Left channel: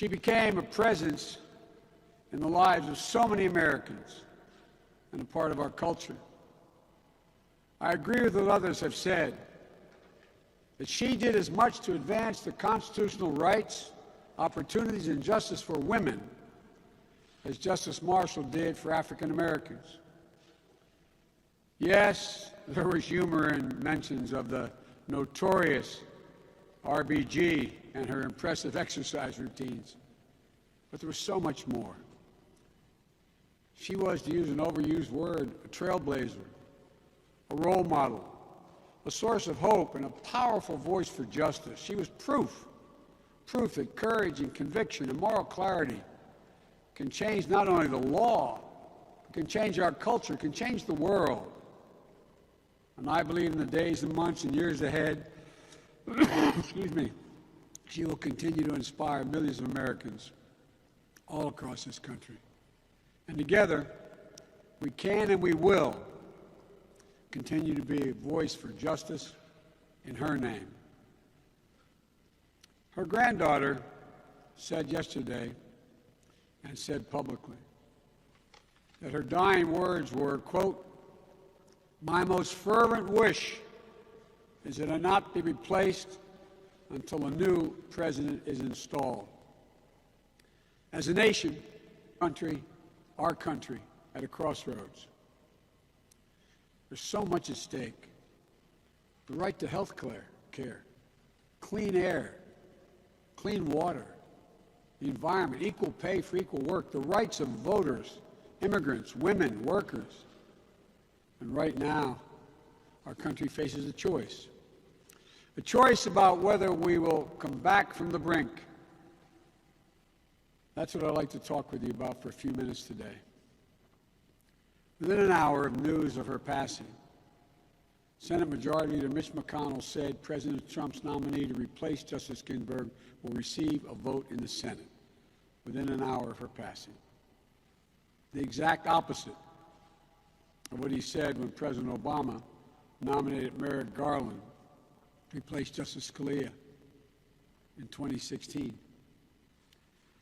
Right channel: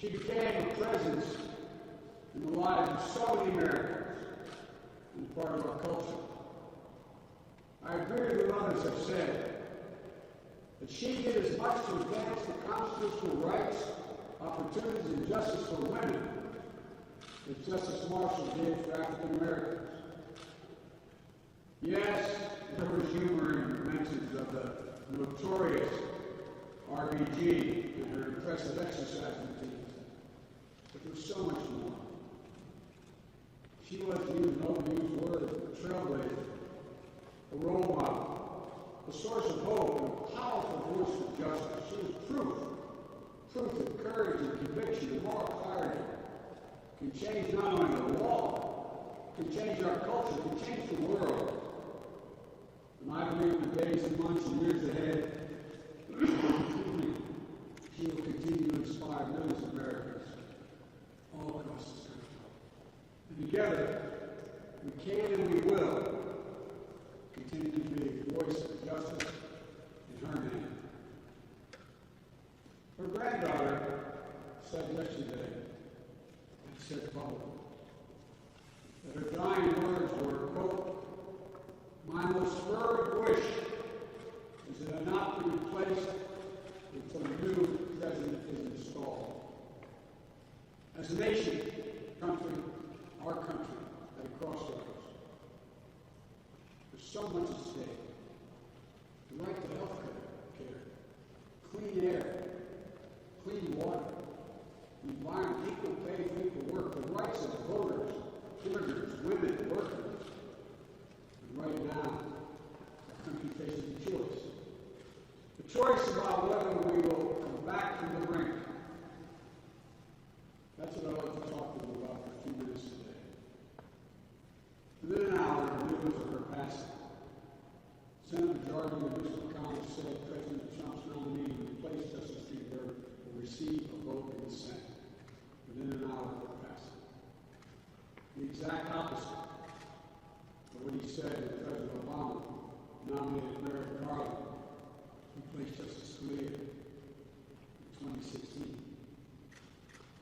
She became a presence in the lives of so many Americans and a part of our culture. I agree with what others have said, that she did as much to advance the constitutional rights, opportunities, and justice for women as Justice Marshall did for African Americans. Yes, there was humor in mentions of the notorious RBG and her impressive exercise routines, but there was so much more. She was, to use an overused word, a trailblazer, a role model, a source of hope, and a powerful voice for justice. She was proof that courage and conviction and moral clarity can change not only the law, can change our culture, can change the world. And I believe in the days and months and years ahead, excuse me, she will continue to inspire millions of Americans all across this country. And together, we can and we will continue to be a voice for justice in her name. Her granddaughter said yesterday, and said publicly, that her dying words were, quote, "My most fervent wish is that I not be replaced until a new president is installed." As a nation, our country, at a crossroads. There's so much at stake. The right to health care, clean air, clean water, the environment, equal pay for equal work, the rights of voters, immigrants, women, workers. And right now, our country faces a choice about whether we will come back from the brink. That's what I'd like to talk with you about for a few minutes today. Within an hour of news of her passing, Senate Majority Leader Mitch McConnell said President Trump's nominee to replace Justice Ginsburg will receive a vote in the Senate within an hour of her passing. The exact opposite of what he said when President Obama nominated Merrick Garland to replace Justice Scalia in 2016.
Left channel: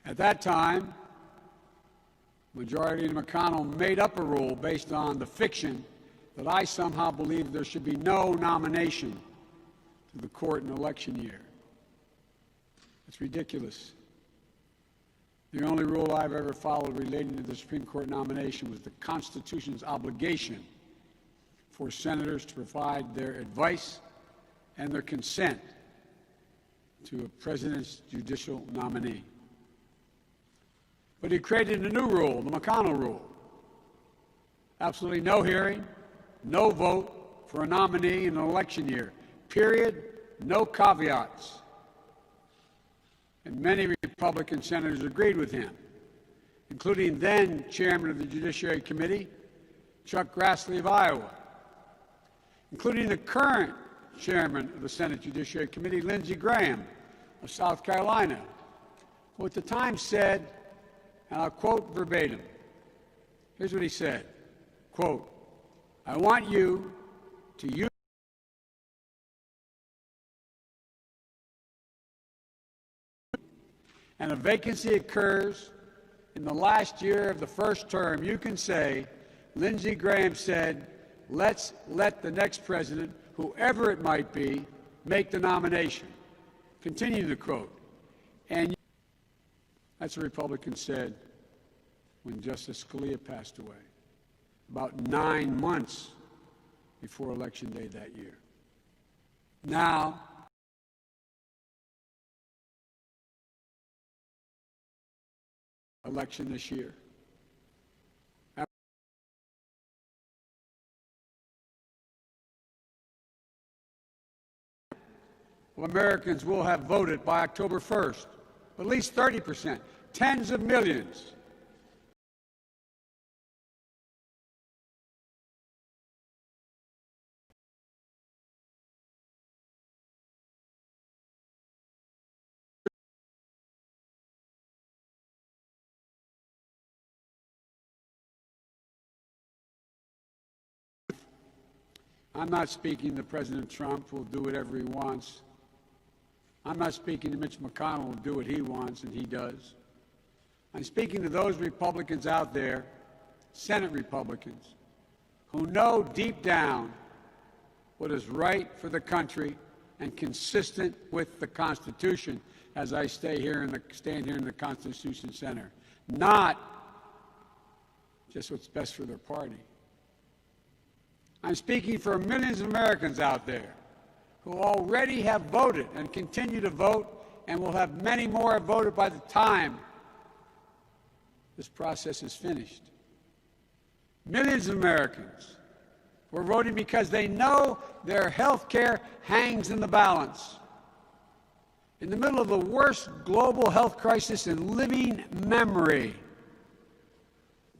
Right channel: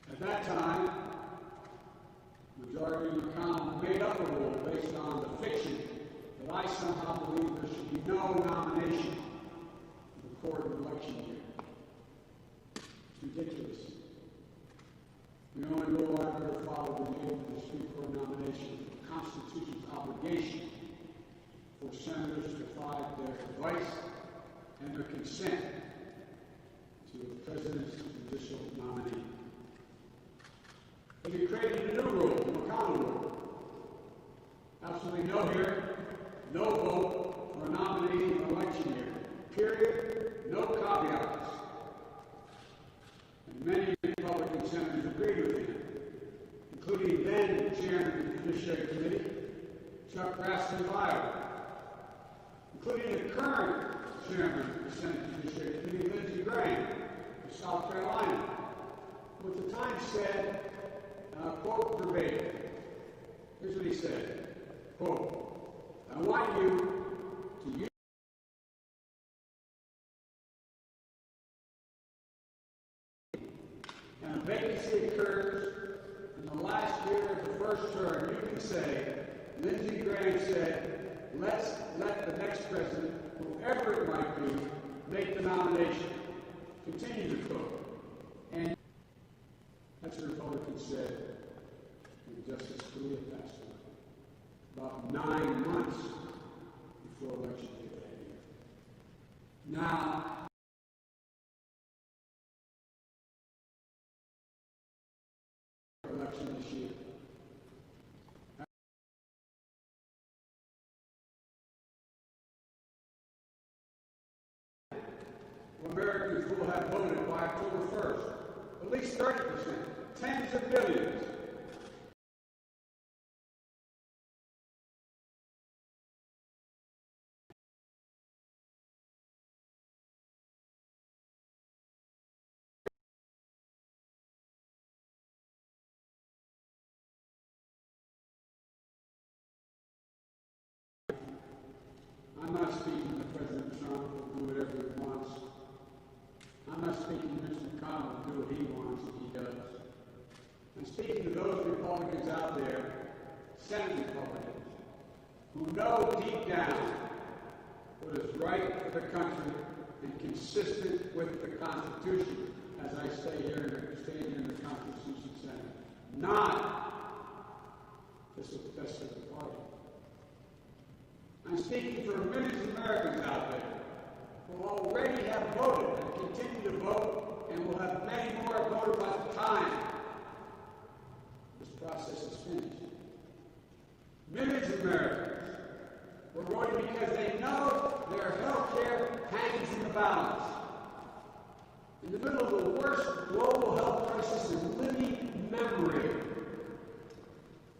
At that time, Majority Leader McConnell made up a rule based on the fiction that I somehow believe there should be no nomination to the court in election year. It's ridiculous. The only rule I've ever followed relating to the Supreme Court nomination was the Constitution's obligation for senators to provide their advice and their consent to a president's judicial nominee. But he created a new rule, the McConnell rule. Absolutely no hearing, no vote for a nominee in an election year. Period. No caveats. And many Republican senators agreed with him, including then Chairman of the Judiciary Committee, Chuck Grassley of Iowa, including the current Chairman of the Senate Judiciary Committee, Lindsey Graham of South Carolina, who at the time said, and I'll quote verbatim, here's what he said, quote, "I want you to use and a vacancy occurs in the last year of the first term, you can say, Lindsey Graham said, let's let the next president, whoever it might be, make the nomination." Continue the quote. And that's what Republicans said when Justice Scalia passed away, about 9 months before Election Day that year. Now, election this year. Well, Americans will have voted by October 1st, at least 30%, tens of millions. I'm not speaking that President Trump will do whatever he wants. I'm not speaking to Mitch McConnell who will do what he wants, and he does. I'm speaking to those Republicans out there, Senate Republicans, who know deep down what is right for the country and consistent with the Constitution, as I stand here in the Constitution Center, not just what's best for their party. I'm speaking for millions of Americans out there who already have voted and continue to vote, and will have many more have voted by the time this process is finished. Millions of Americans were voting because they know their health care hangs in the balance. In the middle of the worst global health crisis in living memory,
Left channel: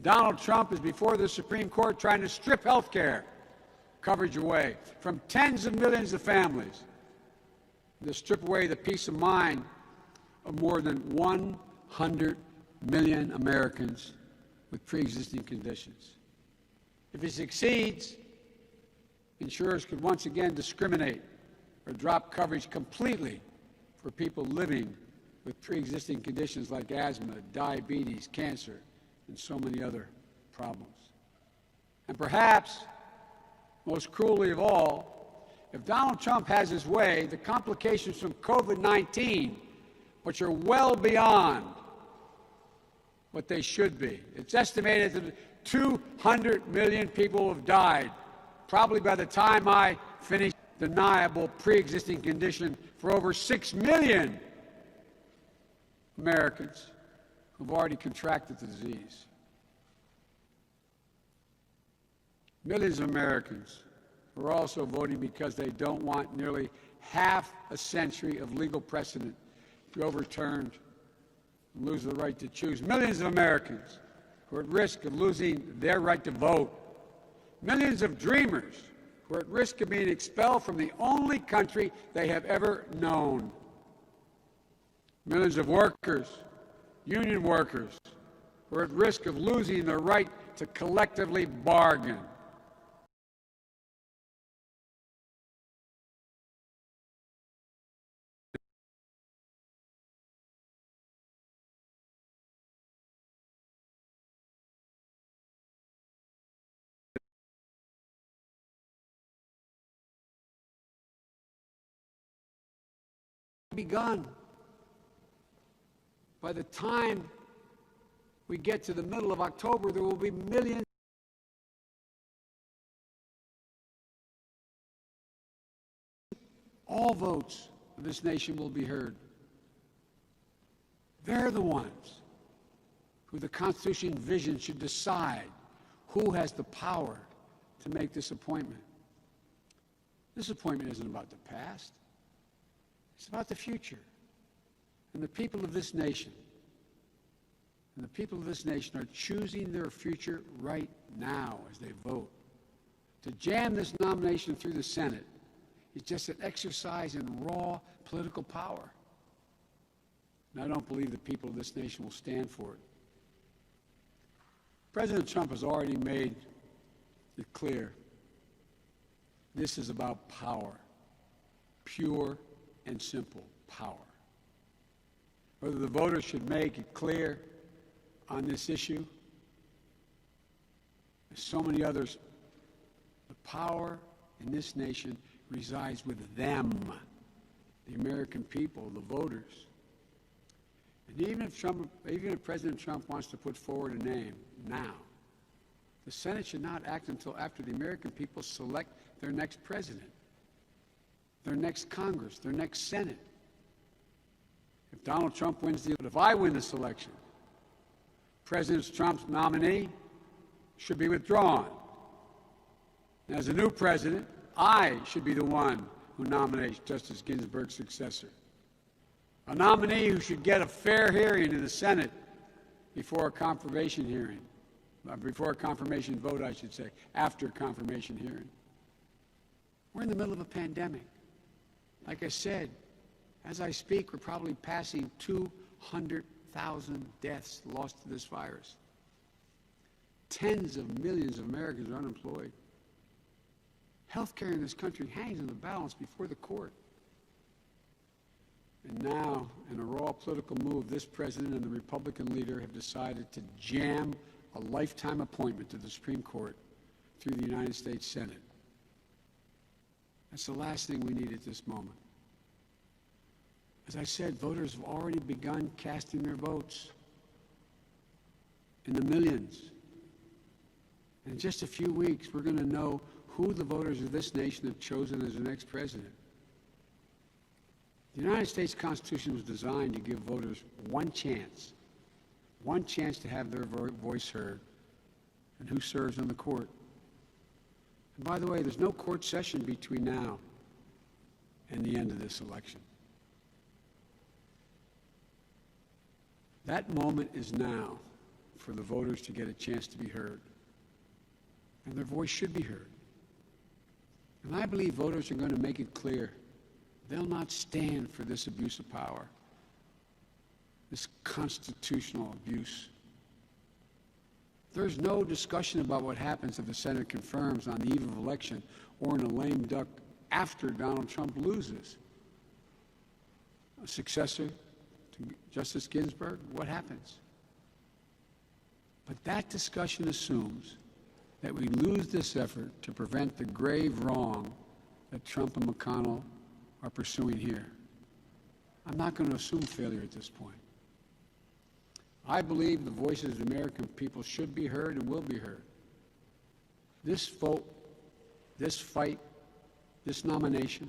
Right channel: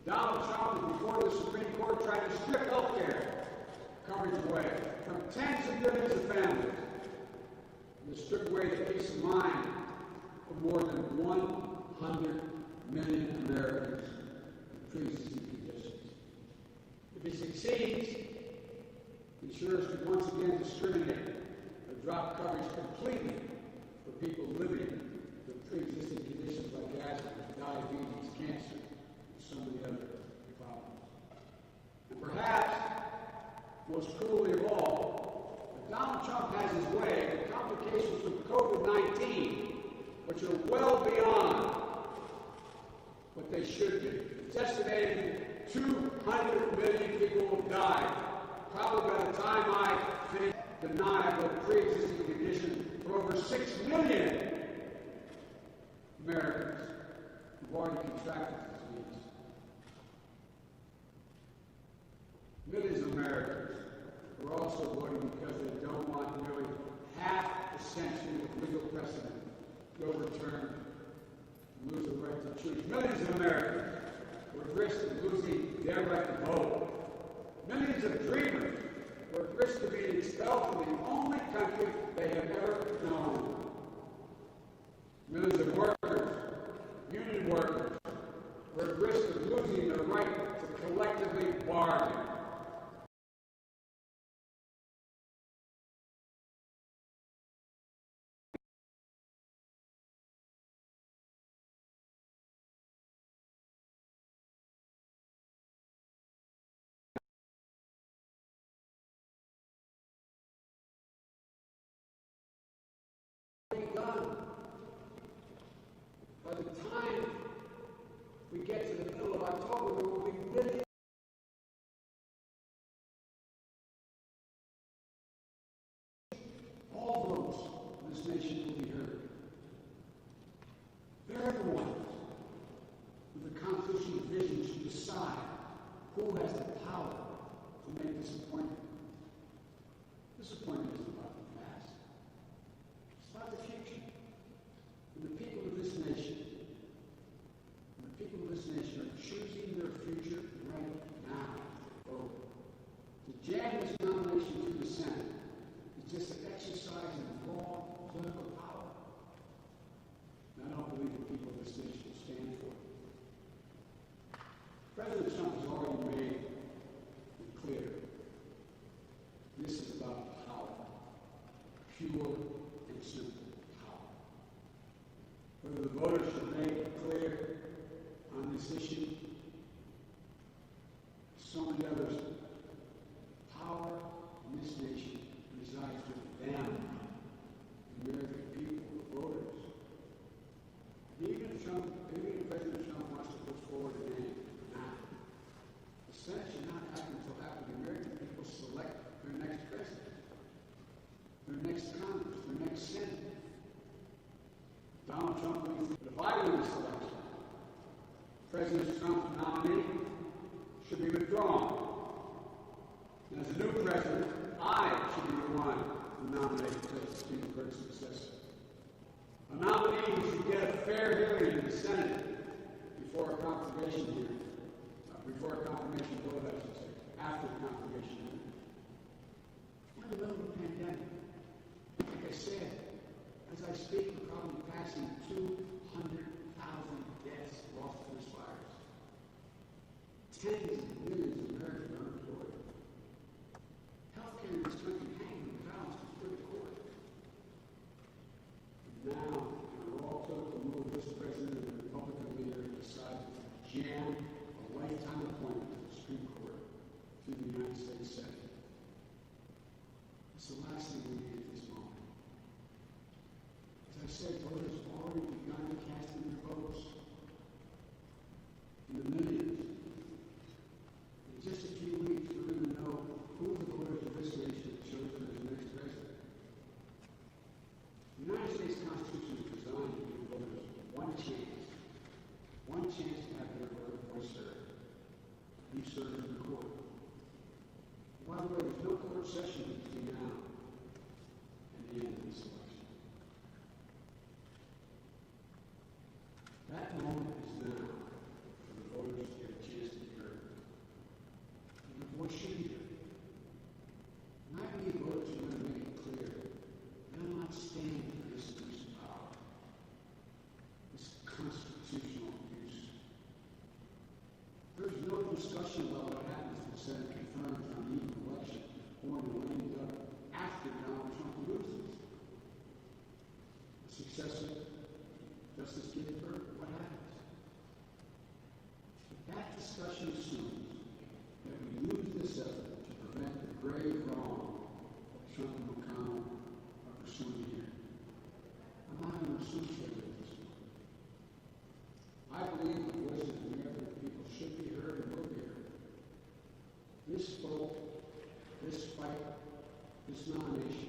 Donald Trump is before the Supreme Court trying to strip health care coverage away from tens of millions of families, to strip away the peace of mind of more than 100 million Americans with pre-existing conditions. If he succeeds, insurers could once again discriminate or drop coverage completely for people living with pre-existing conditions like asthma, diabetes, cancer, and so many other problems. And perhaps, most cruelly of all, if Donald Trump has his way, the complications from COVID-19, which are well beyond what they should be. It's estimated that 200 million people have died, probably by the time I finish deniable pre-existing condition for over 6 million Americans who've already contracted the disease. Millions of Americans are also voting because they don't want nearly half a century of legal precedent to be overturned and lose the right to choose. Millions of Americans who are at risk of losing their right to vote. Millions of dreamers who are at risk of being expelled from the only country they have ever known. Millions of workers, union workers, who are at risk of losing their right to collectively bargain. Begun. By the time we get to the middle of October, there will be millions. All votes of this nation will be heard. They're the ones who the Constitution envisions should decide who has the power to make this appointment. This appointment isn't about the past. It's about the future. And the people of this nation, are choosing their future right now as they vote. To jam this nomination through the Senate is just an exercise in raw political power. And I don't believe the people of this nation will stand for it. President Trump has already made it clear. This is about power, pure and simple power. Whether the voters should make it clear on this issue, there's so many others. The power in this nation resides with them, the American people, the voters. And even if President Trump wants to put forward a name now, the Senate should not act until after the American people select their next president, their next Congress, their next Senate. If Donald Trump wins if I win this election, President Trump's nominee should be withdrawn. And as a new president, I should be the one who nominates Justice Ginsburg's successor. A nominee who should get a fair hearing in the Senate before a confirmation hearing. Before a confirmation vote, I should say, after a confirmation hearing. We're in the middle of a pandemic. Like I said, as I speak, we're probably passing 200,000 deaths lost to this virus. Tens of millions of Americans are unemployed. Health care in this country hangs in the balance before the court. And now, in a raw political move, this president and the Republican leader have decided to jam a lifetime appointment to the Supreme Court through the United States Senate. That's the last thing we need at this moment. As I said, voters have already begun casting their votes in the millions. In just a few weeks, we're going to know who the voters of this nation have chosen as the next president. The United States Constitution was designed to give voters one chance to have their voice heard and who serves on the court. And by the way, there's no court session between now and the end of this election. That moment is now for the voters to get a chance to be heard. And their voice should be heard. And I believe voters are going to make it clear they'll not stand for this abuse of power, this constitutional abuse. There's no discussion about what happens if the Senate confirms on the eve of election or in a lame duck after Donald Trump loses. A successor to Justice Ginsburg, what happens? But that discussion assumes that we lose this effort to prevent the grave wrong that Trump and McConnell are pursuing here. I'm not going to assume failure at this point. I believe the voices of the American people should be heard and will be heard. This vote, this fight, this nomination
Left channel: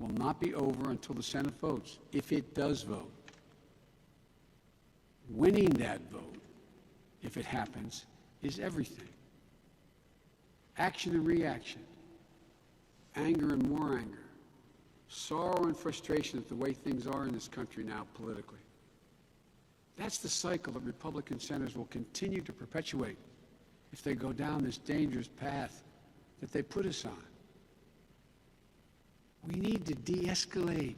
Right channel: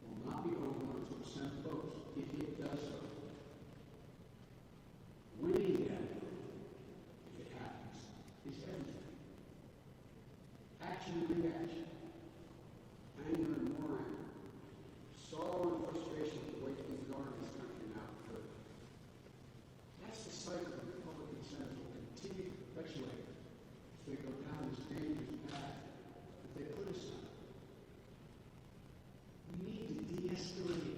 will not be over until the Senate votes, if it does vote. Winning that vote, if it happens, is everything. Action and reaction, anger and more anger, sorrow and frustration at the way things are in this country now politically. That's the cycle that Republican senators will continue to perpetuate if they go down this dangerous path that they put us on. We need to de-escalate,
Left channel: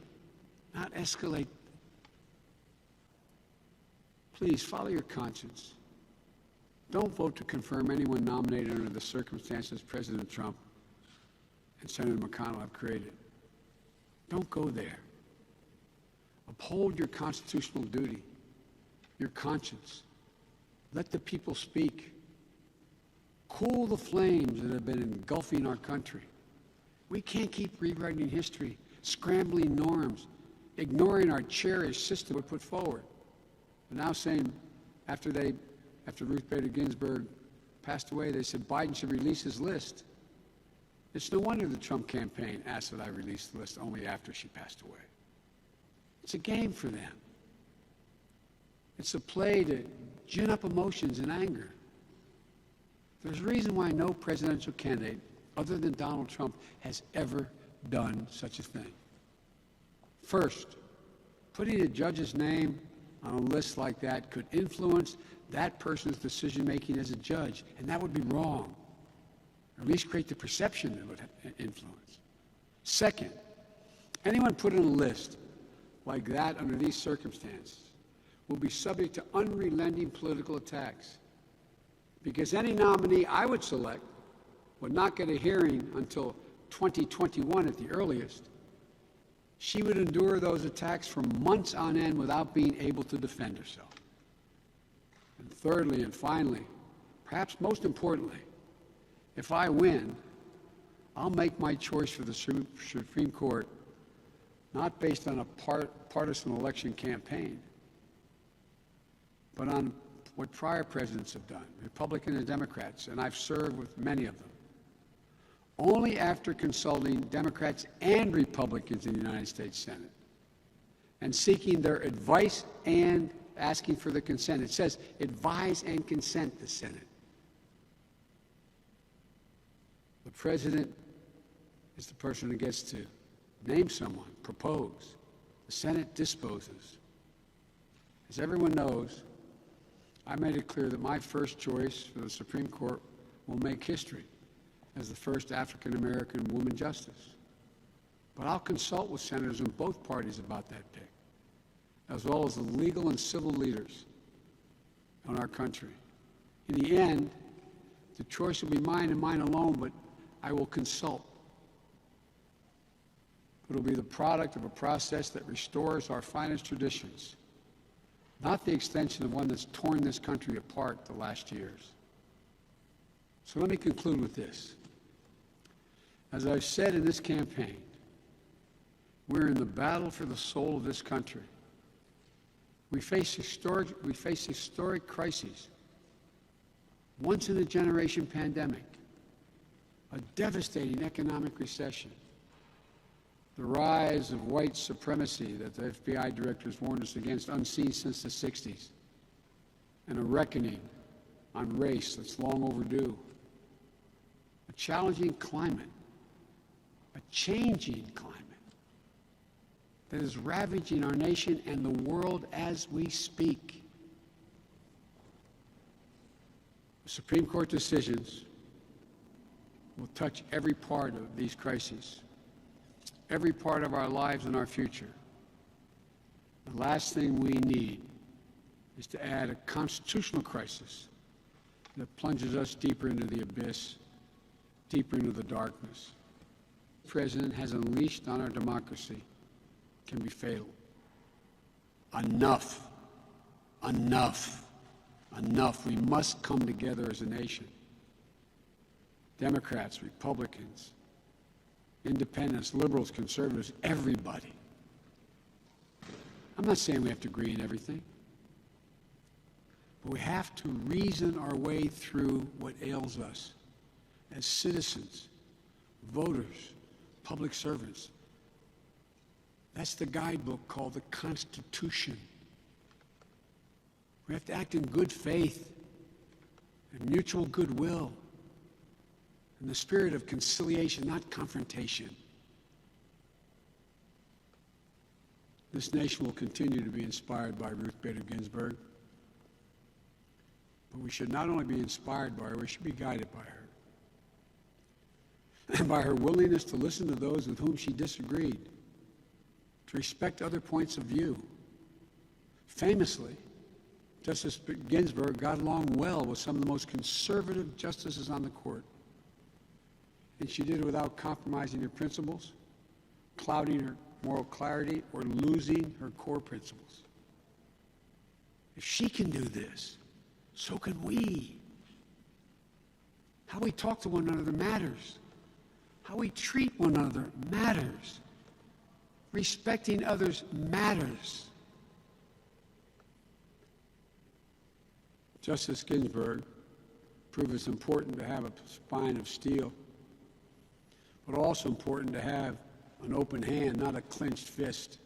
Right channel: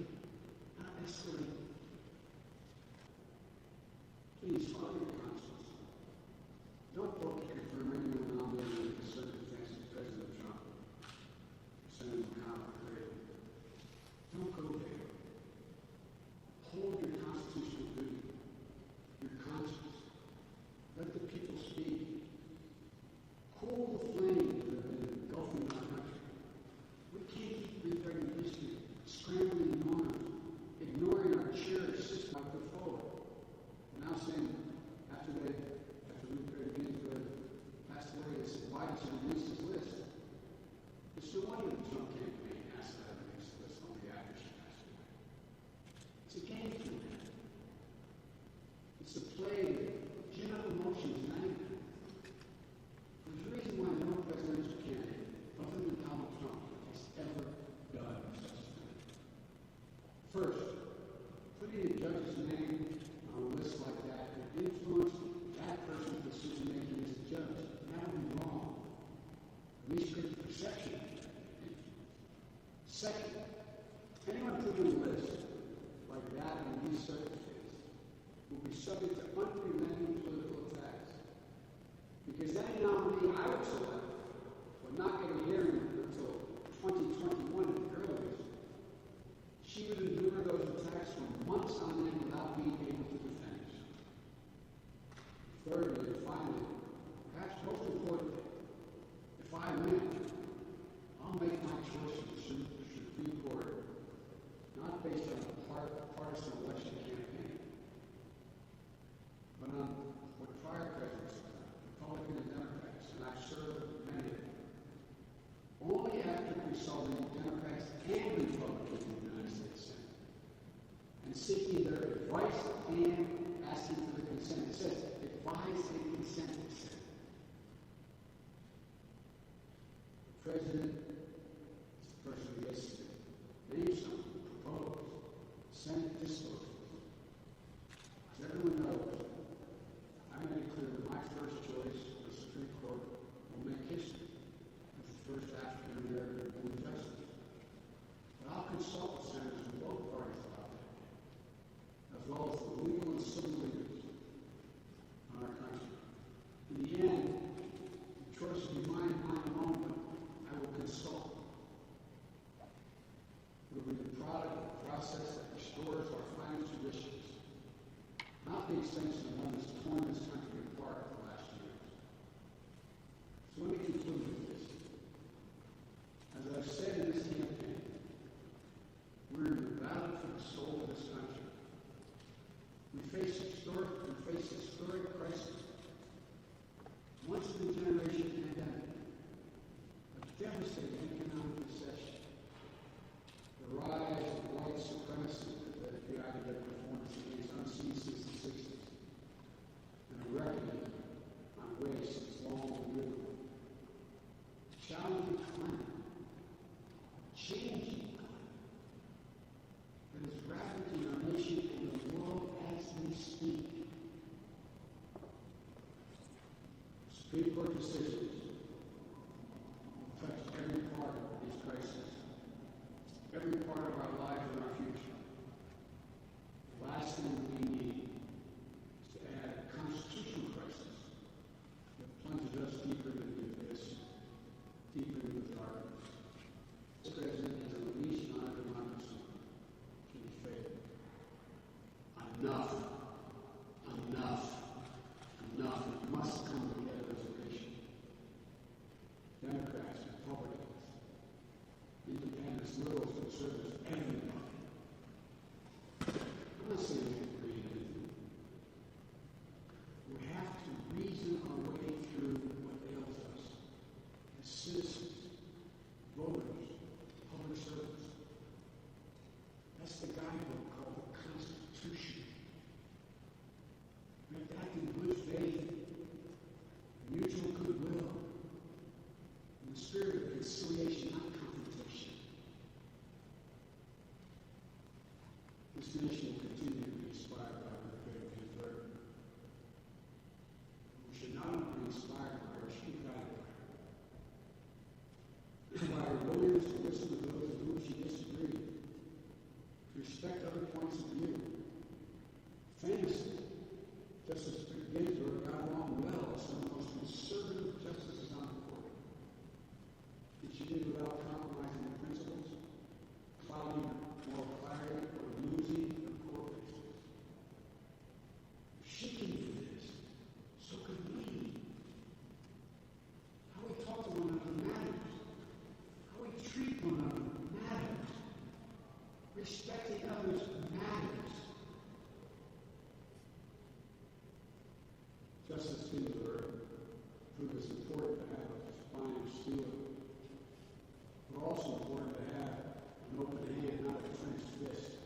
not escalate. Please follow your conscience. Don't vote to confirm anyone nominated under the circumstances President Trump and Senator McConnell have created. Don't go there. Uphold your constitutional duty, your conscience. Let the people speak. Cool the flames that have been engulfing our country. We can't keep rewriting history, scrambling norms, ignoring our cherished system we put forward. And now saying, after Ruth Bader Ginsburg passed away, they said Biden should release his list. It's no wonder the Trump campaign asked that I release the list only after she passed away. It's a game for them. It's a play to gin up emotions and anger. There's a reason why no presidential candidate, other than Donald Trump, has ever done such a thing. First, putting a judge's name on a list like that could influence that person's decision-making as a judge, and that would be wrong, or at least create the perception that it would influence. Second, anyone put on a list like that under these circumstances will be subject to unrelenting political attacks, because any nominee I would select would not get a hearing until 2021 at the earliest. She would endure those attacks for months on end without being able to defend herself. And thirdly and finally, perhaps most importantly, if I win, I'll make my choice for the Supreme Court not based on a partisan election campaign, but on what prior presidents have done, Republicans and Democrats, and I've served with many of them. Only after consulting Democrats and Republicans in the United States Senate and seeking their advice and asking for the consent. It says advise and consent the Senate. The president is the person who gets to name someone, propose. The Senate disposes. As everyone knows, I made it clear that my first choice for the Supreme Court will make history as the first African-American woman justice. But I'll consult with senators in both parties about that pick, as well as the legal and civil leaders in our country. In the end, the choice will be mine and mine alone, but I will consult. It will be the product of a process that restores our finest traditions, not the extension of one that's torn this country apart the last years. So let me conclude with this. As I've said in this campaign, we're in the battle for the soul of this country. We face historic crises, once-in-a-generation pandemic, a devastating economic recession, the rise of white supremacy that the FBI directors warned us against, unseen since the 60s, and a reckoning on race that's long overdue, a challenging climate, a changing climate that is ravaging our nation and the world as we speak. Supreme Court decisions will touch every part of these crises, every part of our lives and our future. The last thing we need is to add a constitutional crisis that plunges us deeper into the abyss, deeper into the darkness. The President has unleashed on our democracy can be fatal. Enough. Enough. Enough. We must come together as a nation. Democrats, Republicans, independents, liberals, conservatives, everybody. I'm not saying we have to agree on everything, but we have to reason our way through what ails us as citizens, voters, public servants. That's the guidebook called the Constitution. We have to act in good faith and mutual goodwill, in the spirit of conciliation, not confrontation. This nation will continue to be inspired by Ruth Bader Ginsburg, but we should not only be inspired by her, we should be guided by her. And by her willingness to listen to those with whom she disagreed, to respect other points of view. Famously, Justice Ginsburg got along well with some of the most conservative justices on the court. And she did it without compromising her principles, clouding her moral clarity, or losing her core principles. If she can do this, so can we. How we talk to one another matters. How we treat one another matters. Respecting others matters. Justice Ginsburg proved it's important to have a spine of steel, but also important to have an open hand, not a clenched fist,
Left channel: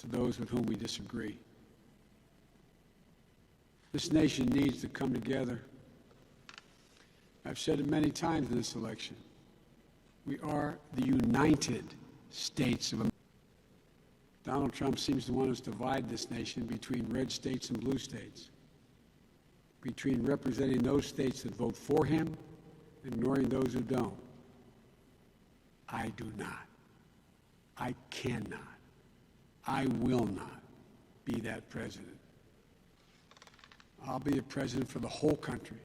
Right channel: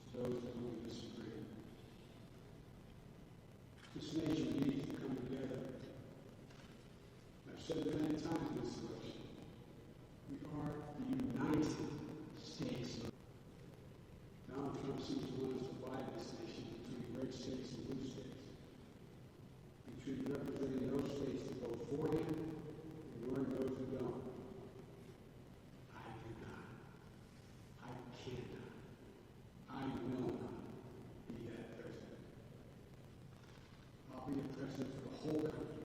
to those with whom we disagree. This nation needs to come together. I've said it many times in this election. We are the United States of America. Donald Trump seems to want us to divide this nation between red states and blue states, between representing those states that vote for him and ignoring those who don't. I do not. I cannot. I will not be that president. I'll be a president for the whole country,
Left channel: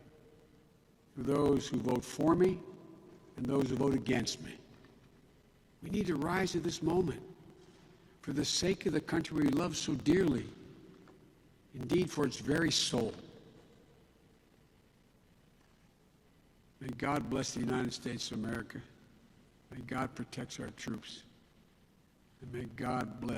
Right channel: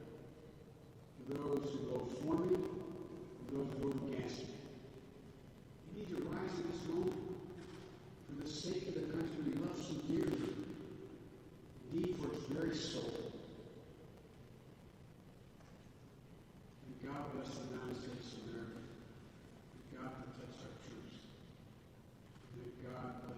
for those who vote for me and those who vote against me. We need to rise to this moment for the sake of the country we love so dearly, indeed for its very soul. May God bless the United States of America. May God protect our troops. And may God bless